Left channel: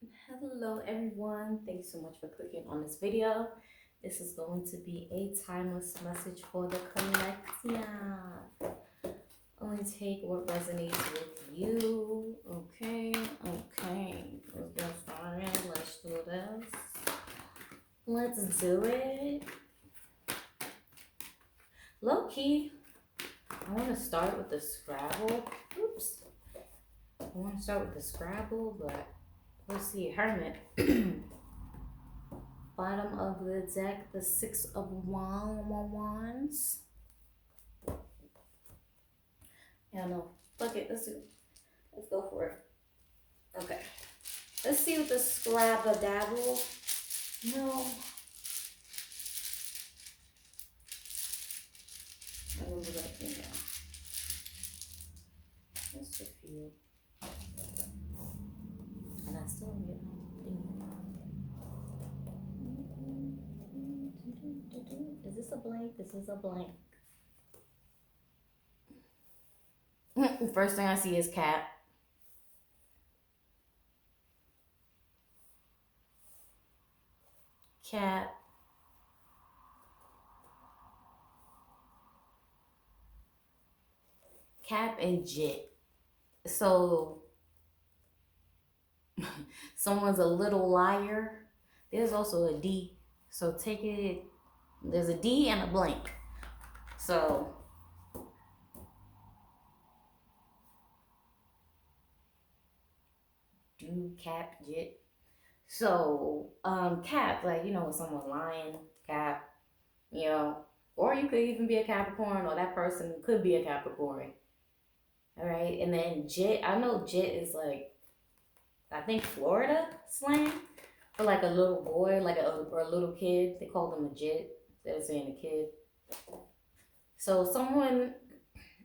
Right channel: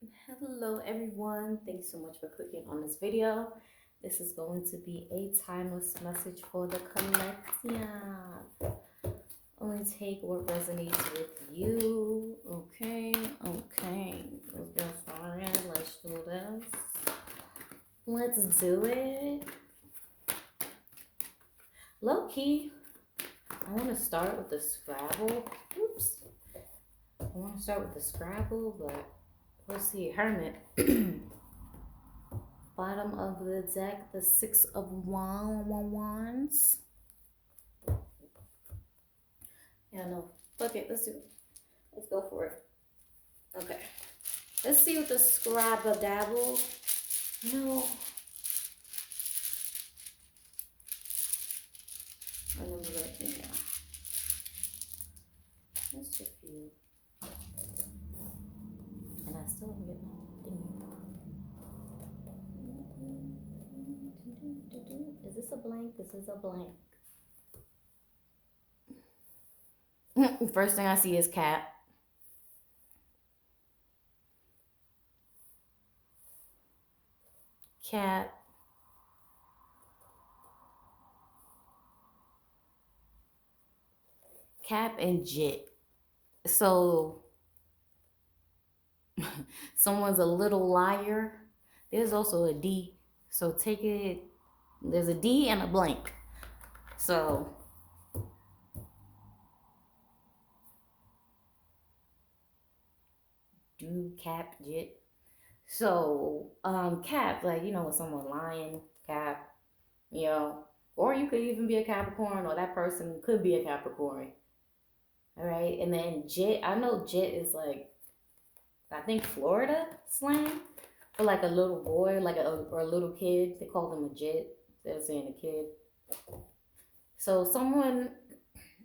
Hello everyone, thanks so much for clicking on this video. This is going to be a timeless message for the collection. Only take what resonates with you. Okay. Let's get started. Let's do this. Let's do it. Low key, I want to start with the Scrabble. Oops. I want to start with the Scrabble, but we'll see. Hermit. Bottom of the deck, the Six of Wands. Yeah, no. Fuck it. Let's do it. Let's go for it. Okay. Let's see what the Scrabble dabble. No. Yeah. Just a few. And I still don't get my thing. Is this a blank? This is a blank. First thing I see is cat. Cat. Cap and Jit. So someone's a little liar. There's also a D. So take it. There's a D and a blank. So do cap Jit. So cap, like someone lying, cap, or you could even be a Capricorn, or that person could be a Capricorn. All right, and then Jit. I know Jit is like, I think Florida slang for like a little boy, like or a little kid. They call them a Jit. They're saying a kid. So someone,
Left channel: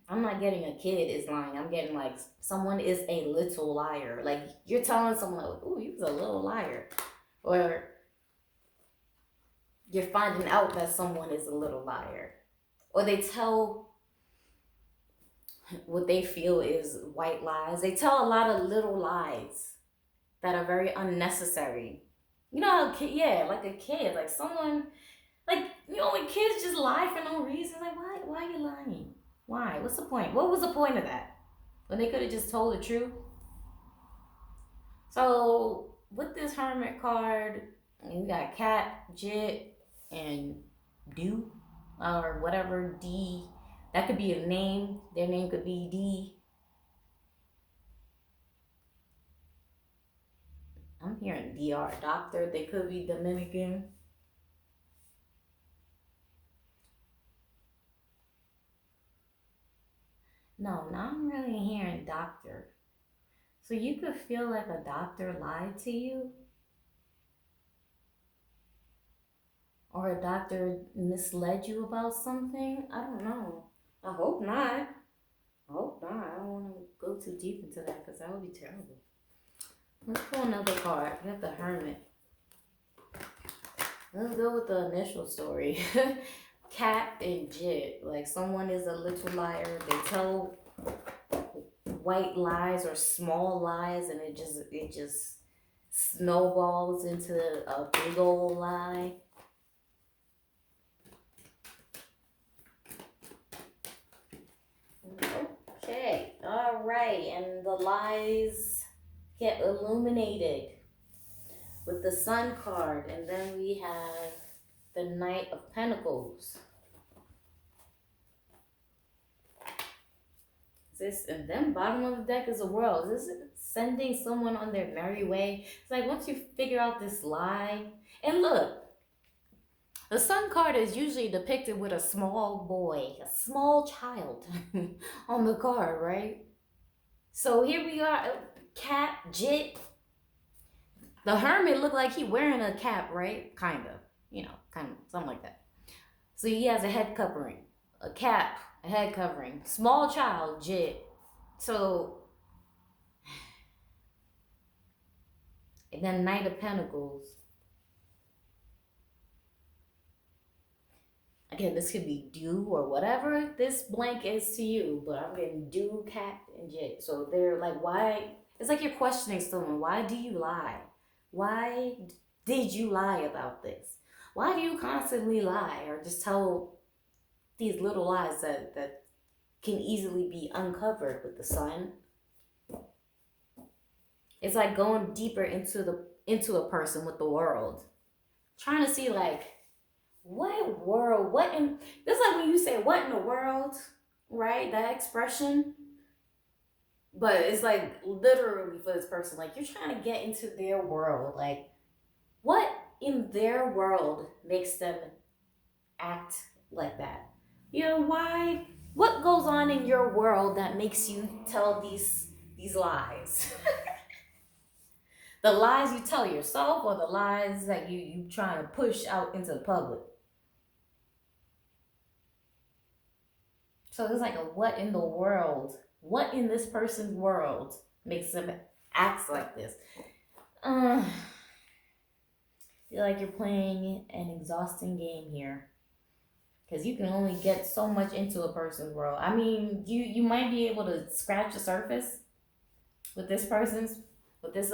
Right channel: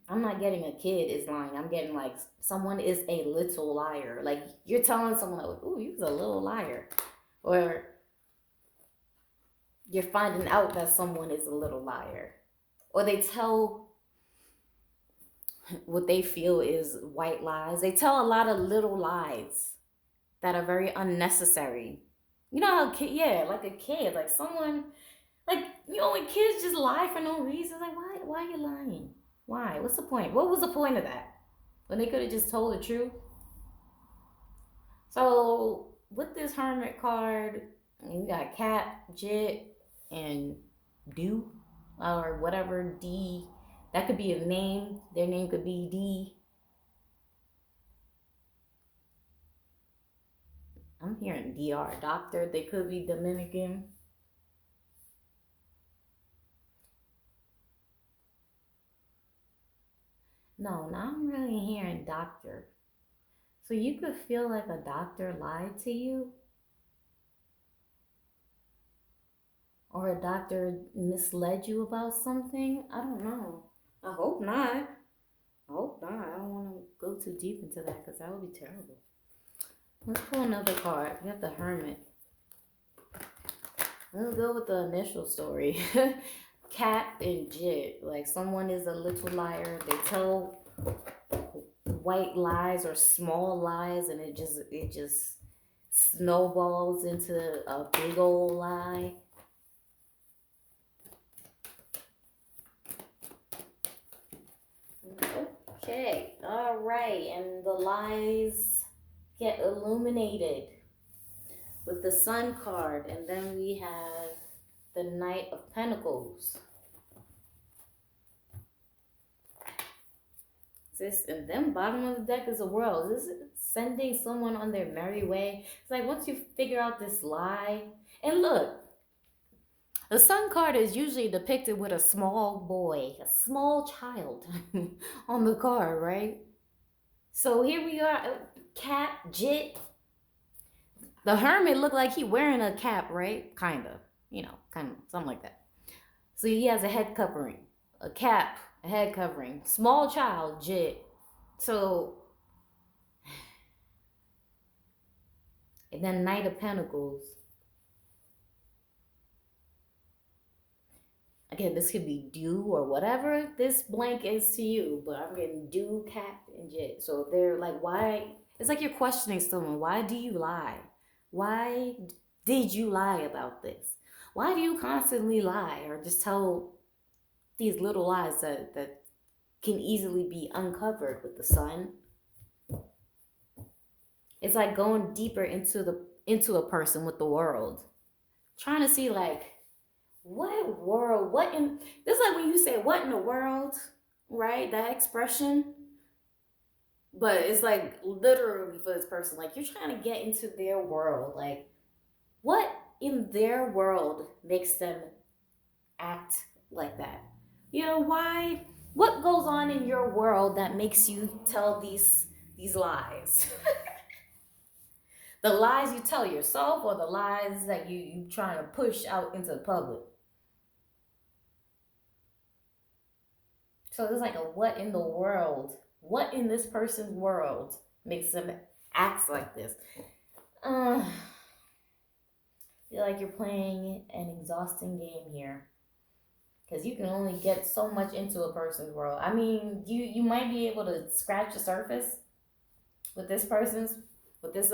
I'm not getting a kid is lying. I'm getting like someone is a little liar. Like you're telling someone, "Ooh, you was a little liar," or you're finding out that someone is a little liar, or they tell what they feel is white lies. They tell a lot of little lies that are very unnecessary. You know how yeah, like a kid, like someone, like when kids just lie for no reason. Like why are you lying? Why? What's the point? What was the point of that? When they could have just told the truth. So with this Hermit card, you got cat, Jit, and do, or whatever D. That could be a name. Their name could be D. I'm hearing DR, doctor. They could be Dominican. No, now I'm really hearing doctor. So you could feel like a doctor lied to you, or a doctor misled you about something. I don't know. I hope not. I hope not. I don't want to go too deep into that because that would be terrible. Let's pull another card. We have the Hermit. Let's go with the initial story. Cat and Jit. Like someone is a little liar. They tell white lies or small lies, and it just snowballs into a big old lie. Okay, all right, and the lies get illuminated with the Sun card, and then we have the Knight of Pentacles. This, and then bottom of the deck is a World. This is sending someone on their merry way. It's like once you figure out this lie, and look, the Sun card is usually depicted with a small boy, a small child on the card, right? So here we are, cat, Jit. The Hermit looked like he wearing a cap, right? Kind of, something like that. So he has a head covering, a cap, a head covering. Small child, Jit. So, and then Knight of Pentacles. Again, this could be do or whatever this blank is to you, but I'm getting do, cat, and Jit. So they're like, why? It's like you're questioning someone. Why do you lie? Why did you lie about this? Why do you constantly lie or just tell these little lies that can easily be uncovered with the sun? It's like going deeper into a person with the world, trying to see like what world, what in this is like when you say what in the world, right? That expression, but it's like literally for this person, like you're trying to get into their world, like what in their world makes them act like that? You know, why? What goes on in your world that makes you tell these lies? The lies you tell yourself or the lies that you trying to push out into the public. So it's like a what in the world? What in this person's world makes them act like this? I feel like you're playing an exhausting game here. Because you can only get so much into a person's world. I mean, you might be able to scratch the surface with this person's, with this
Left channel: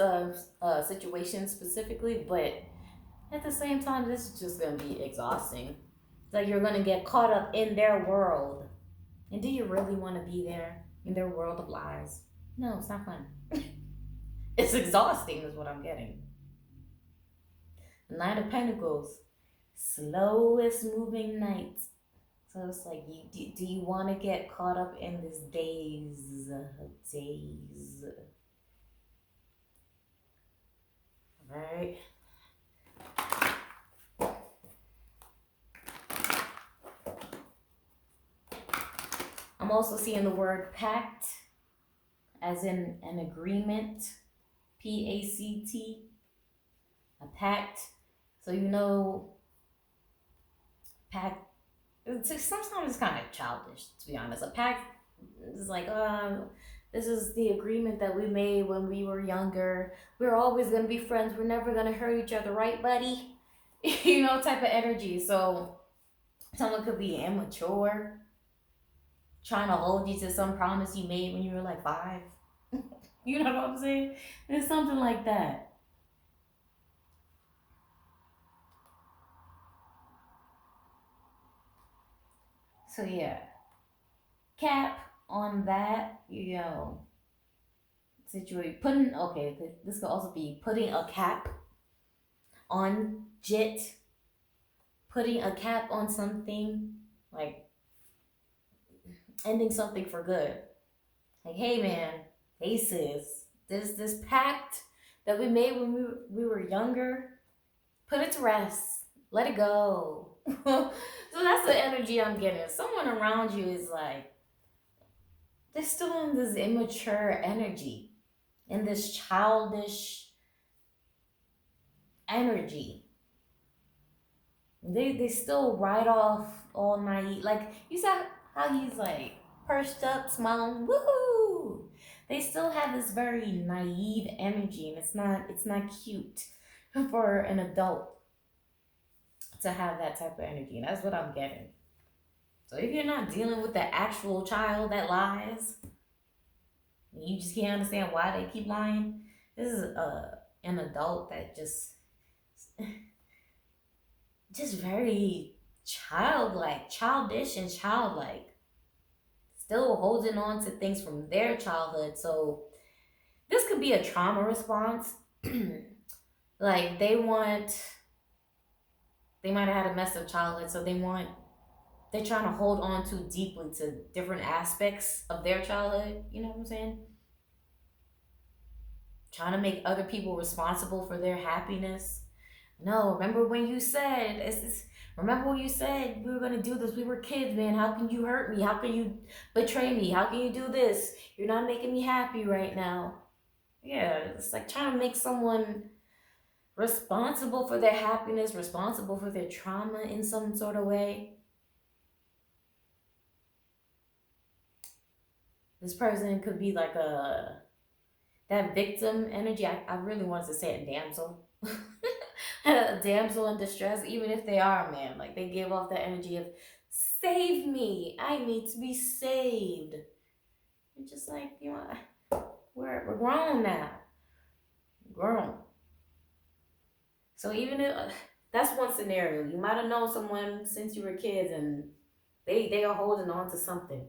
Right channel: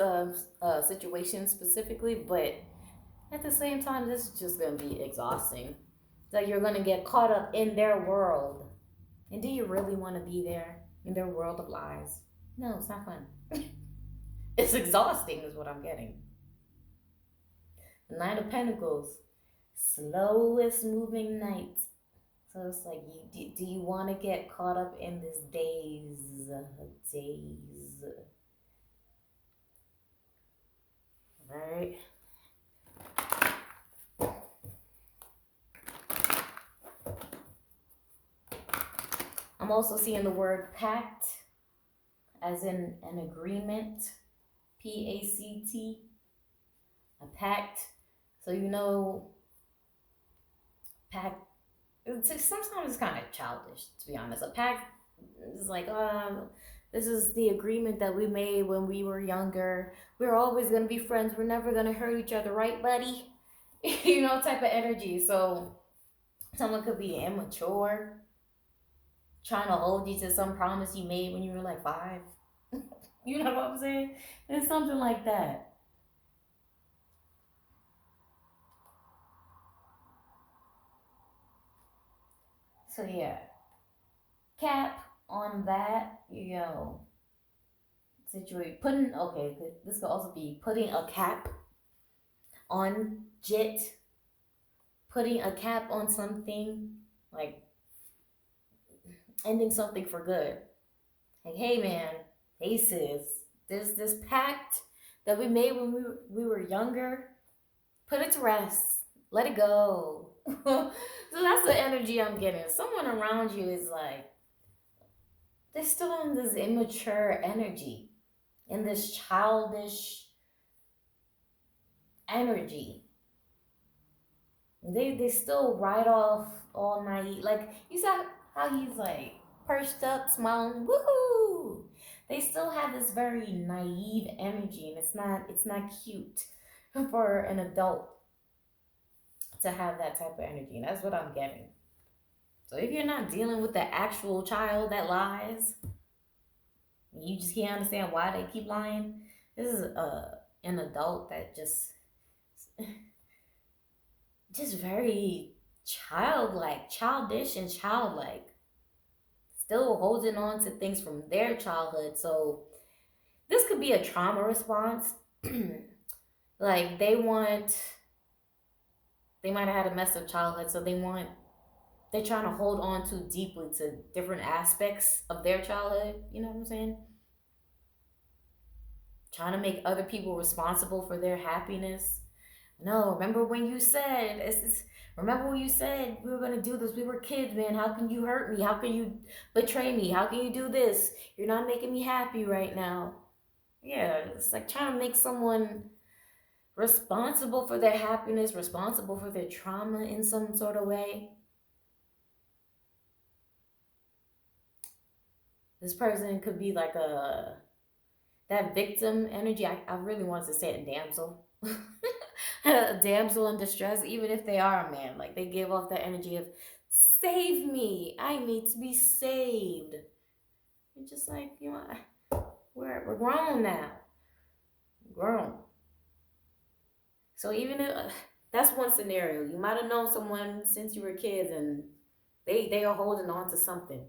situation specifically, but at the same time, this is just gonna be exhausting. Like you're gonna get caught up in their world, and do you really want to be there in their world of lies? No, it's not fun. It's exhausting, is what I'm getting. Nine of Pentacles, slowest moving night. So it's like, do you want to get caught up in this days? Right? I'm also seeing the word pact, as in an agreement, PACT, a pact. So you know, pact. Sometimes it's kind of childish, to be honest. A pact is like, this is the agreement that we made when we were younger. We're always gonna be friends. We're never gonna hurt each other, right, buddy? You know, type of energy. So someone could be immature, trying to hold you to some promise you made when you were like 5. You know what I'm saying? It's something like that. So yeah, cap on that, situation. This could also be putting a cap on Jit, putting a cap on something, like ending something for good. Like, hey man, hey sis, this pact that we made when we were younger, put it to rest. Let it go. So that's the energy I'm getting. Someone around you is like, they're still in this immature energy, in this childish energy. They still ride off all naive. Like you saw how he's like perched up, smiling, woohoo. They still have this very naive energy, and it's not cute for an adult to have that type of energy. And that's what I'm getting. So if you're not dealing with the actual child that lies, you just can't understand why they keep lying. This is an adult that just very childish and childlike, still holding on to things from their childhood. So this could be a trauma response. Like they might have had a messed up childhood, so they're trying to hold on too deeply to different aspects of their childhood. You know what I'm saying? Trying to make other people responsible for their happiness. No, remember when you said remember when you said we were gonna do this? We were kids, man. How can you hurt me? How can you betray me? How can you do this? You're not making me happy right now. Yeah, it's like trying to make someone responsible for their happiness, responsible for their trauma in some sort of way. This person could be like that victim energy. I really wanted to say it damsel. A damsel in distress, even if they are a man. Like they give off that energy of save me. I need to be saved. You're just like, we're grown now. Grown. So even if that's one scenario, you might have known someone since you were kids, and they are holding on to something.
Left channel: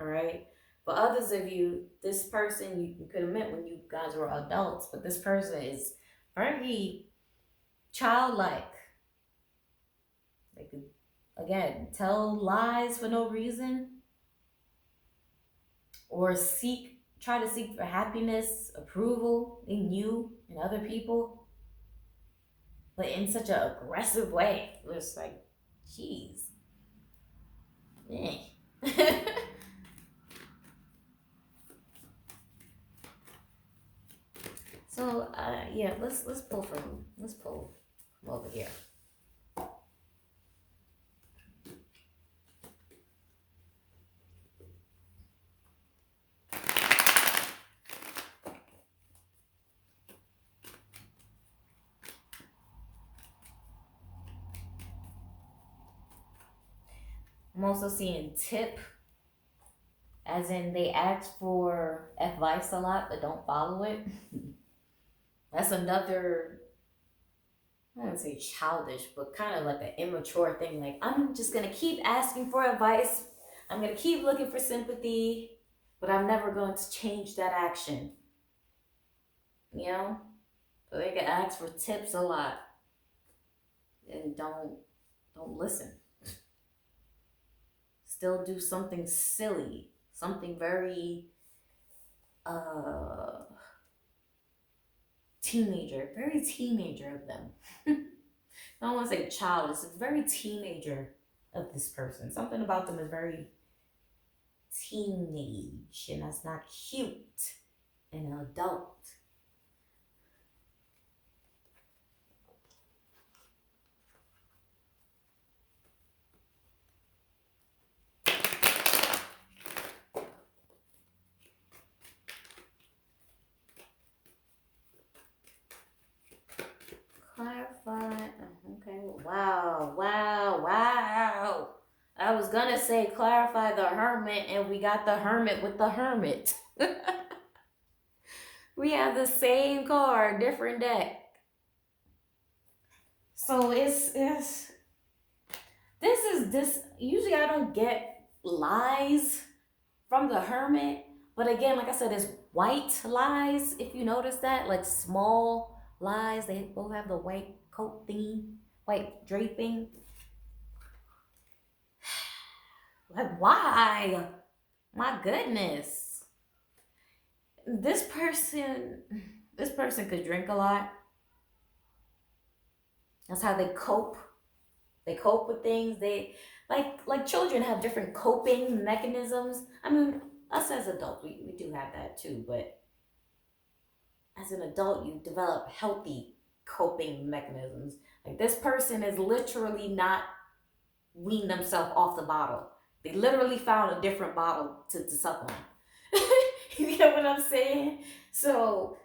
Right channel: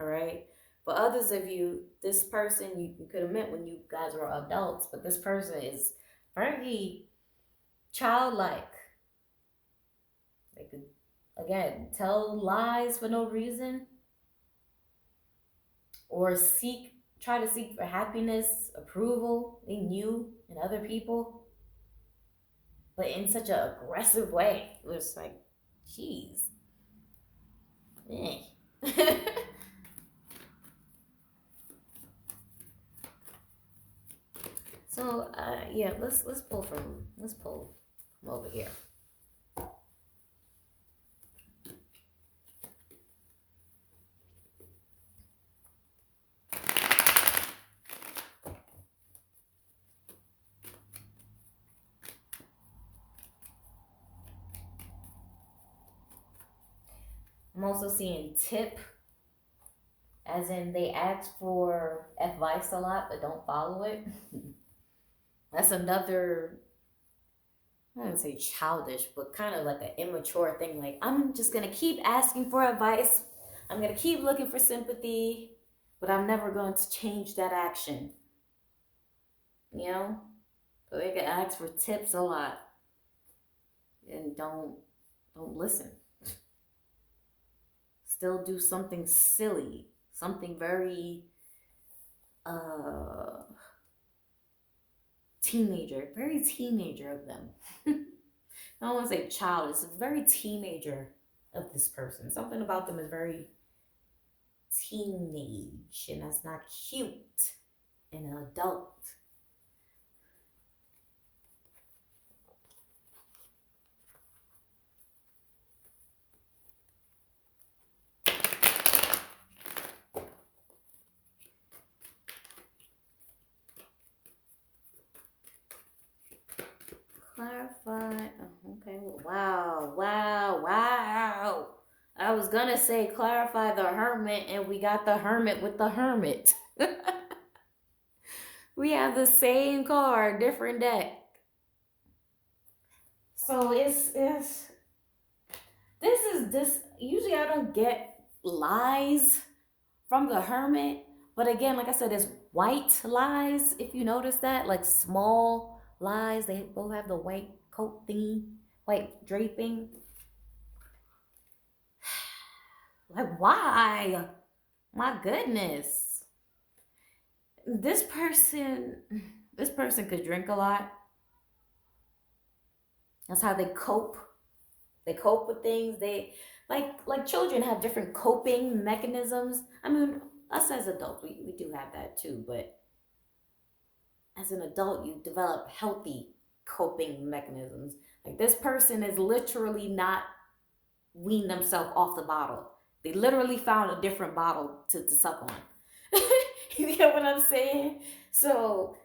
All right. But others of you, this person you could have met when you guys were adults, but this person is very childlike. They could, again, tell lies for no reason, or try to seek for happiness, approval in you and other people, but in such an aggressive way. It's like, jeez. Eh. So yeah, let's pull from over here. I'm also seeing tip, as in they ask for advice a lot but don't follow it. That's another, I wouldn't say childish, but kind of like an immature thing. Like, I'm just gonna keep asking for advice. I'm gonna keep looking for sympathy, but I'm never going to change that action. You know? So they can ask for tips a lot and don't listen. Still do something silly, something very uh very teenager of them. I don't want to say child, it's a very teenager of this person. Something about them is very teenage, and that's not cute in an adult. Clarify. Okay. Wow. I was gonna say clarify the hermit, and we got the hermit with the hermit. We have the same card, different deck. So it's this. Usually I don't get lies from the hermit, but again, like I said, it's white lies. If you notice that, like small lies, they both have the white coat thingy, white draping. Like, why? My goodness. This person, this person could drink a lot. That's how they cope. They cope with things. They like children have different coping mechanisms. I mean, us as adults, we do have that too, but as an adult, you develop healthy coping mechanisms. Like, this person is literally not weaned themselves off the bottle. They literally found a different bottle to suck on. You get what I'm saying? So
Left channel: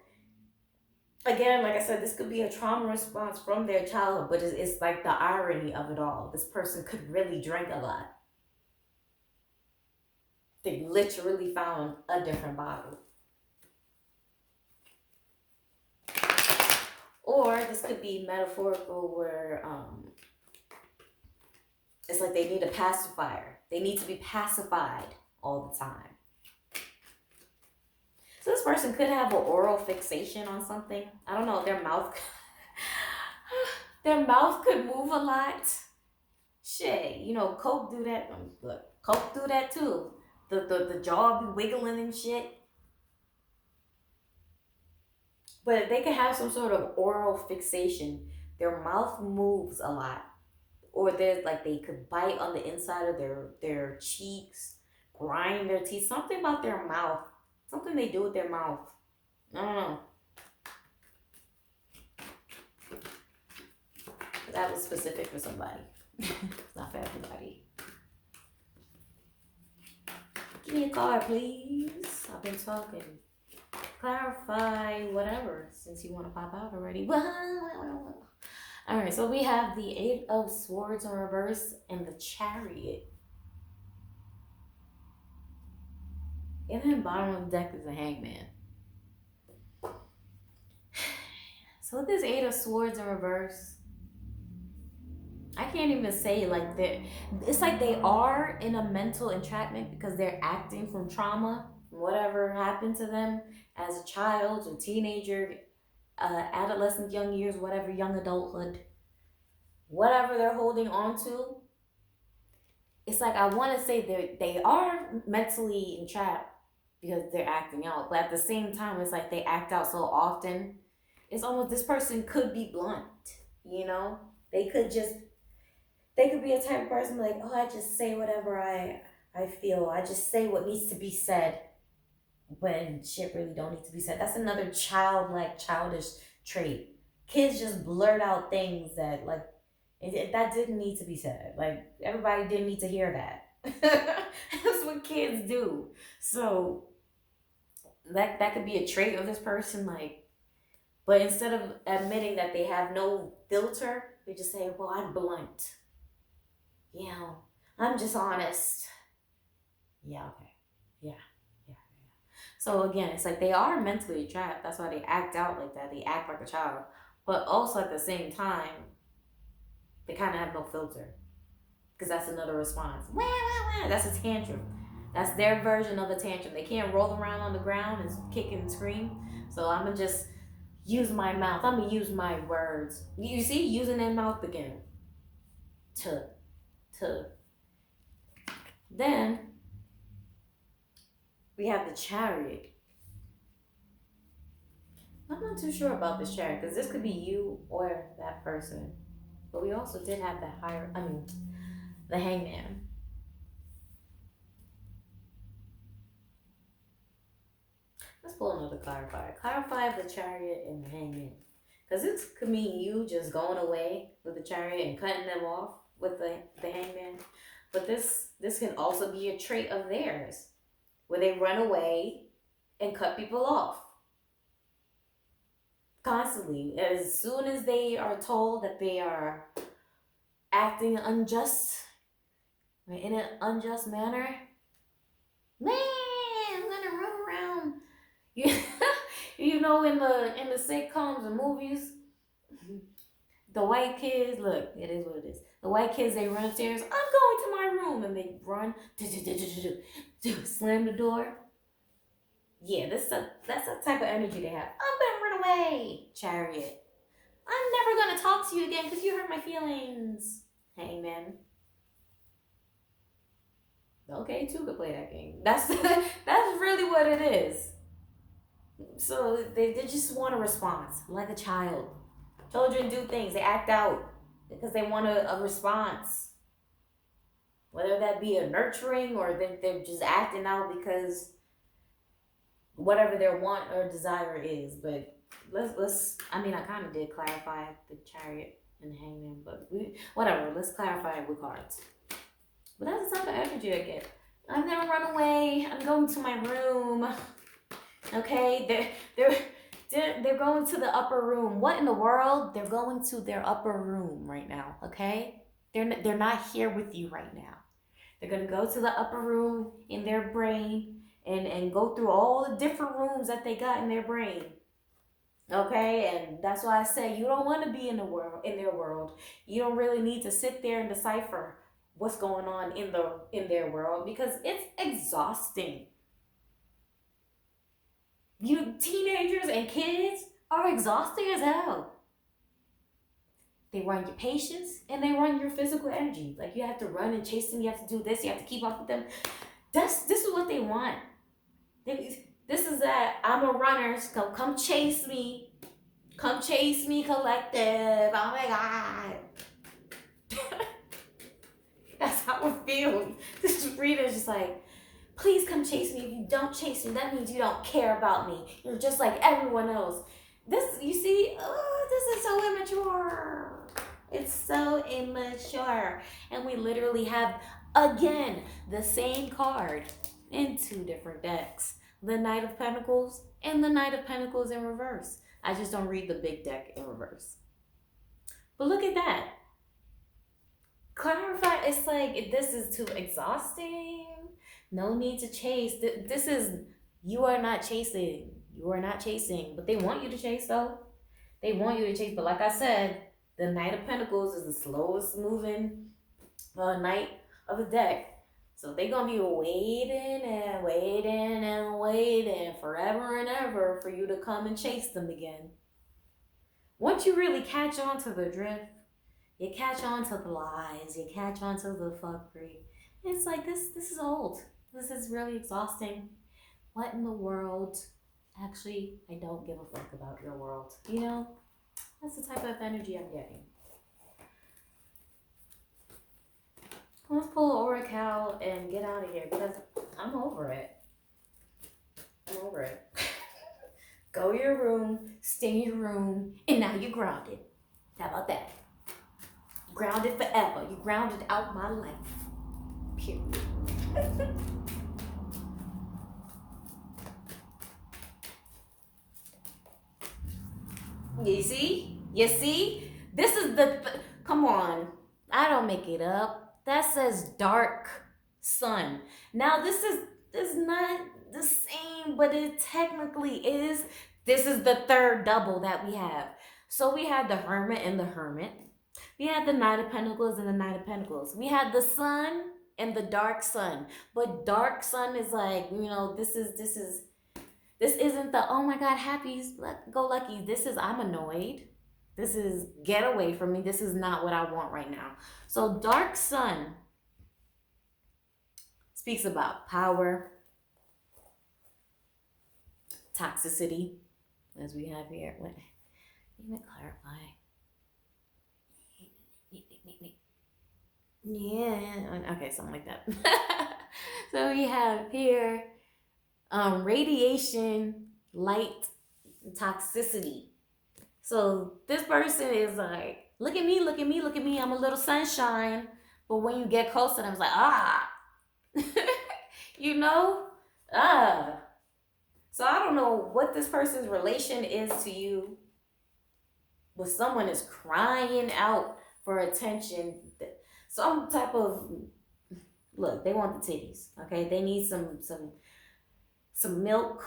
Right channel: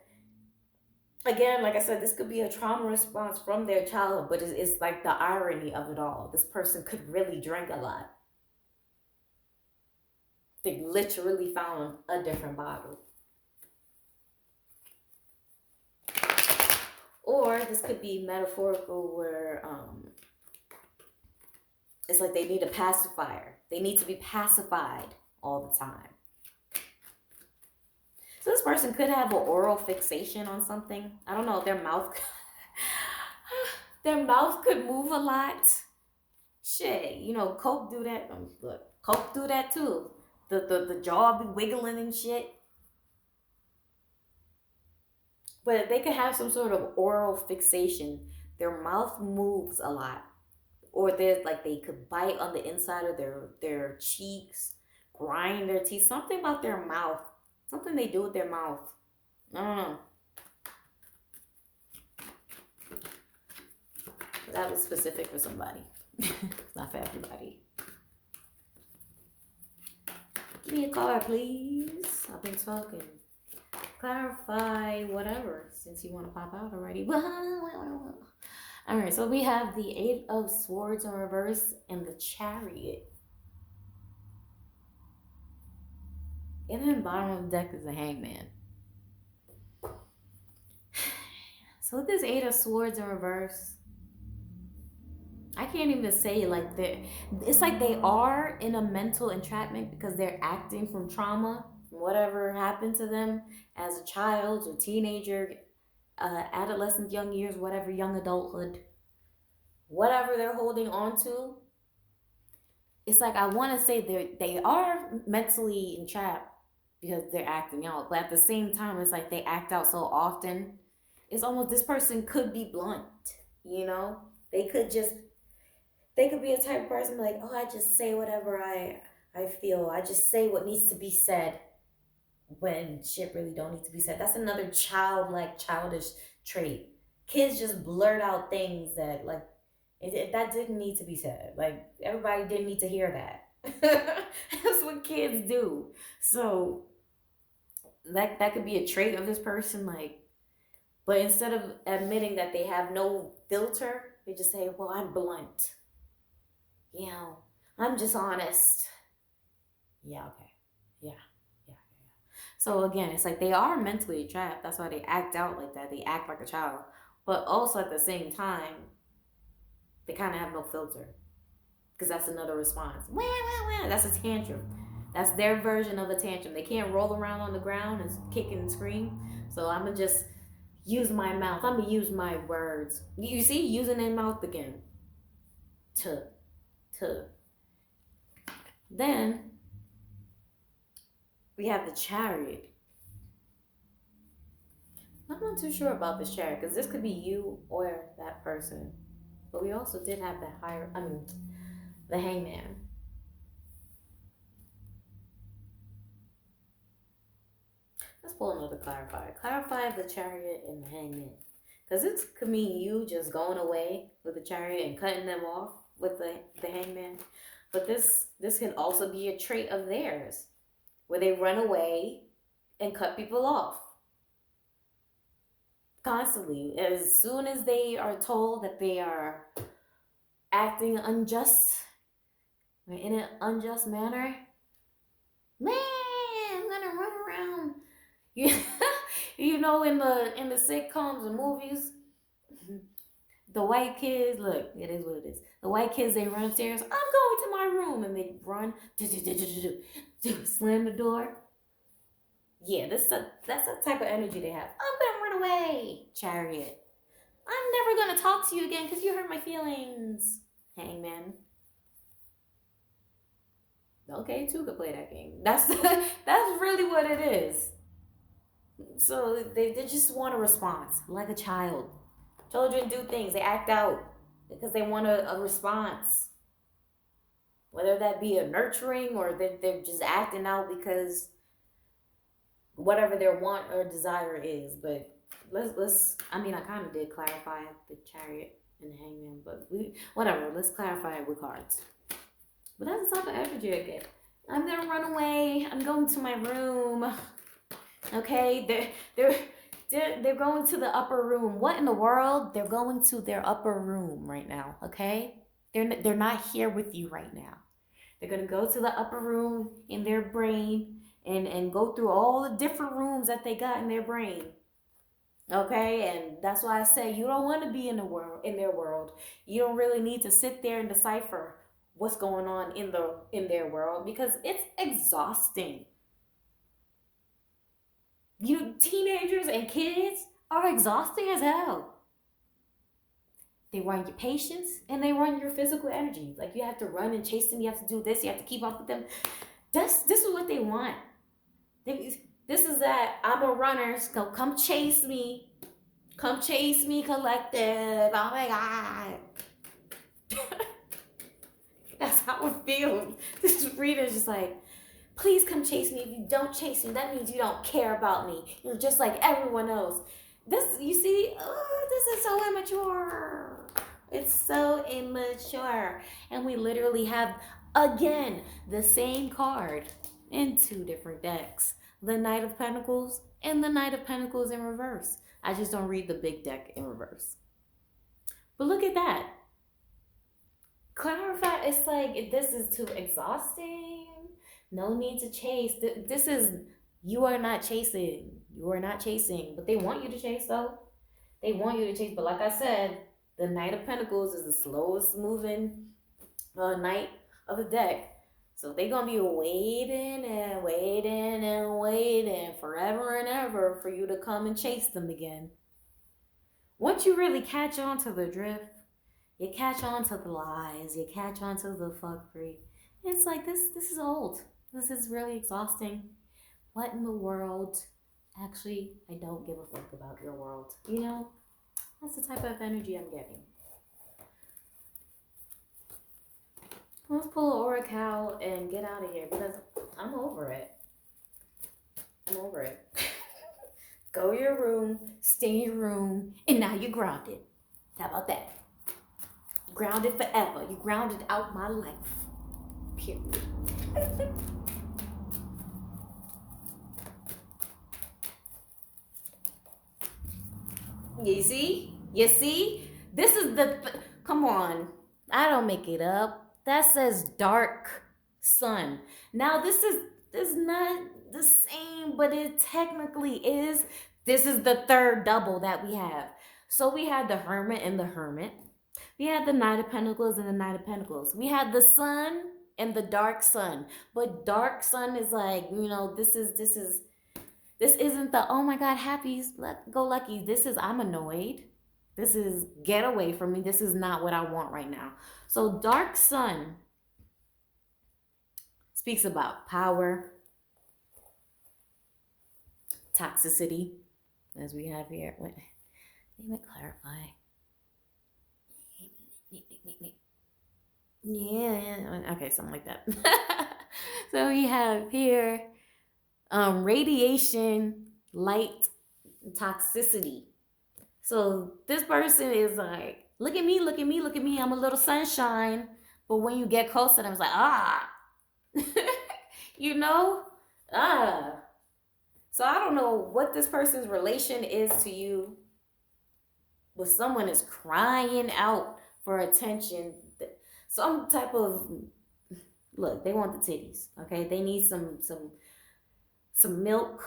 again, like I said, this could be a trauma response from their childhood, but it's like the irony of it all. This person could really drink a lot. They literally found a different bottle. Or this could be metaphorical, where it's like they need a pacifier. They need to be pacified all the time. So this person could have an oral fixation on something. I don't know, their mouth their mouth could move a lot. Shit, Coke do that. Look, Coke do that too. The jaw be wiggling and shit. But they could have some sort of oral fixation. Their mouth moves a lot. Or there's like they could bite on the inside of their cheeks, grind their teeth. Something about their mouth. Something they do with their mouth. I don't know. That was specific for somebody. Not for everybody. Give me a card, please. I've been talking. Clarify whatever, since you want to pop out already. All right, so we have the Eight of Swords in reverse and the Chariot. And then bottom of the deck is the Hangman. So this Eight of Swords in reverse, I can't even say like that. It's like they are in a mental entrapment because they're acting from trauma, from whatever happened to them as a child or teenager, adolescent, young years, whatever, young adulthood, whatever they're holding on to. It's like I want to say they are mentally entrapped because they're acting out, but at the same time, it's like they act out so often. It's almost this person could be blunt, you know. They could just they could be a type of person like, oh, I just say whatever I feel. I just say what needs to be said when shit really don't need to be said. That's another childlike, childish trait. Kids just blurt out things that like that didn't need to be said. Like everybody didn't need to hear that. That's what kids do. So that could be a trait of this person. Like, but instead of admitting that they have no filter, they just say, "Well, I'm blunt. You know, I'm just honest." Yeah. Okay. Yeah. Yeah. So again, it's like they are mentally trapped. That's why they act out like that. They act like a child, but also at the same time, they kind of have no filter because that's another response. Wah, wah, wah. That's a tantrum. That's their version of a tantrum. They can't roll around on the ground and kick and scream. So I'm gonna just use my mouth. I'm gonna use my words. You see, using their mouth again. To. Then we have the Chariot. I'm not too sure about this Chariot because this could be you or that person. But we also did have the Hangman. Let's pull another clarifier. Clarify the Chariot and the Hangman. Because this could mean you just going away with the Chariot and cutting them off with the Hangman. But this can also be a trait of theirs where they run away and cut people off. Constantly. As soon as they are told that they are acting unjust, in an unjust manner, man, I'm gonna run around. You know, in the sitcoms and movies, the white kids, look, it is what it is. The white kids, they run upstairs. I'm going to my room, and they run, slam the door. Yeah, that's the type of energy they have. I'm gonna run away, Chariot. I'm never gonna talk to you again because you hurt my feelings, Hangman. Okay, two could play that game. That's really what it is. So they just want a response, like a child. Children do things, they act out because they want a response. Whether that be a nurturing or they're just acting out because whatever their want or desire is. But let's I kind of did clarify the Chariot and the Hangman, but whatever, let's clarify it with cards. But that's the type of energy I get. I'm gonna run away. I'm going to my room. Okay, they're going to the upper room. What in the world? They're going to their upper room right now. Okay, they're not here with you right now. They're gonna go to the upper room in their brain and go through all the different rooms that they got in their brain. Okay, and that's why I say you don't want to be in their world. You don't really need to sit there and decipher what's going on in their world because it's exhausting. You teenagers and kids are exhausting as hell. They run your patience and they run your physical energy. Like you have to run and chase them. You have to do this. You have to keep up with them. This is what they want. This is that I'm a runner. So come chase me. Come chase me, collective. Oh my God. That's how it feels. This reader is just like, please come chase me. If you don't chase me, that means you don't care about me. You're just like everyone else. You see, this is so immature. It's so immature. And we literally have, again, the same card in two different decks. The Knight of Pentacles and the Knight of Pentacles in reverse. I just don't read the big deck in reverse. But look at that. Clarify, it's like, this is too exhausting. No need to chase. This is, you are not chasing. You are not chasing. But they want you to chase, though. They want you to chase, but like I said, the Knight of Pentacles is the slowest moving knight of the deck. So they're gonna be waiting and waiting and waiting forever and ever for you to come and chase them again. Once you really catch on to the drift, you catch on to the lies, you catch on to the fuckery. It's like this is old. This is really exhausting. What in the world? Actually, I don't give a fuck about your world. You know? That's the type of energy I'm getting. Let's pull an oracle and get out of here because I'm over it. I'm over it. Go to your room, stay in your room, and now you're grounded. How about that? Grounded forever. You grounded out my life. Period. You see? You see? This is come on. I don't make it up. That says dark sun. Now this is not the same, but it technically is. This is the third double that we have. So we had the Hermit and the Hermit. We had the Knight of Pentacles and the Knight of Pentacles. We had the Sun and the Dark Sun. But Dark Sun is like, you know, this isn't the, oh my God, happy, go lucky. This is, I'm annoyed. This is, get away from me. This is not what I want right now. So Dark Sun speaks about power, toxicity, as we have here. Let me clarify. Yeah, okay, something like that. So we have here radiation, light, toxicity. So this person is like, look at me, look at me, look at me. I'm a little sunshine. But when you get closer, I was like, you know, So I don't know what this person's relation is to you, but someone is crying out for attention. Some type of, look, they want the titties, okay? They need some milk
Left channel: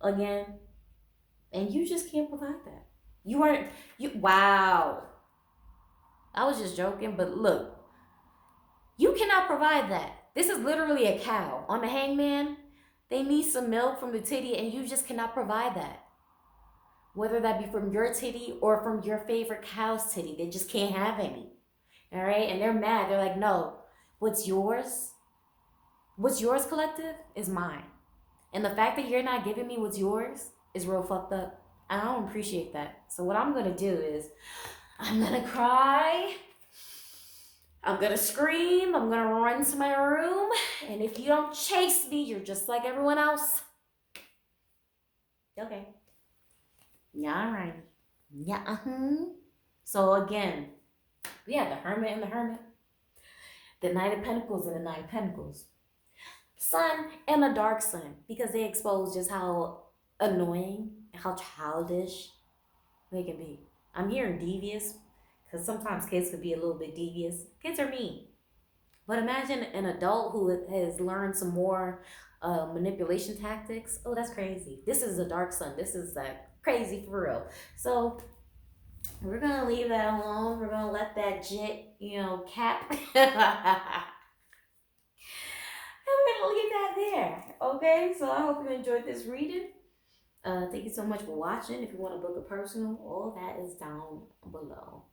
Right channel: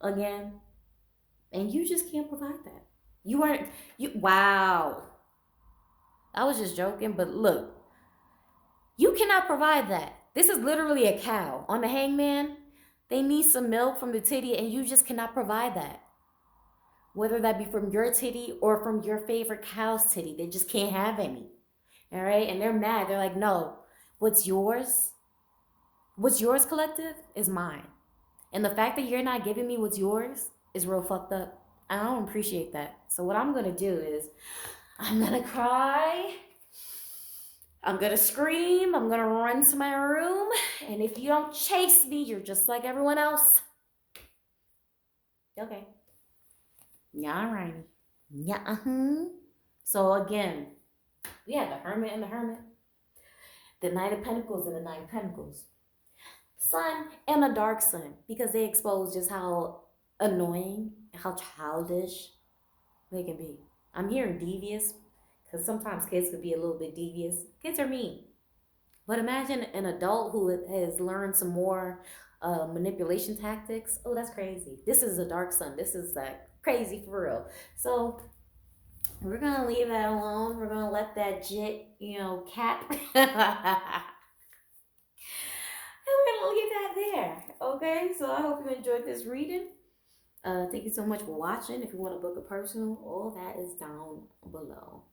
again, and you just can't provide that. Wow. I was just joking, but look, you cannot provide that. This is literally a cow on the hangman. They need some milk from the titty, and you just cannot provide that. Whether that be from your titty or from your favorite cow's titty, they just can't have any. All right? And they're mad. They're like, no, what's yours, collective, is mine. And the fact that you're not giving me what's yours is real fucked up. I don't appreciate that. So what I'm going to do is I'm going to cry. I'm going to scream. I'm going to run to my room. And if you don't chase me, you're just like everyone else. Okay. Yeah, all right. Yeah, So again, we have the Hermit and the Hermit. The Knight of Pentacles and the Knight of Pentacles. Sun and a Dark Sun. Because they expose just how annoying, how childish they can be. I'm hearing devious. Because sometimes kids could be a little bit devious. Kids are mean. But imagine an adult who has learned some more manipulation tactics. Oh, that's crazy. This is a Dark Sun. This is like crazy for real. So we're going to leave that alone. We're going to let that jit, cap. And we're going to leave that there. Okay? So I hope you enjoyed this reading. Thank you so much for watching. If you want to book a personal, all that is down below.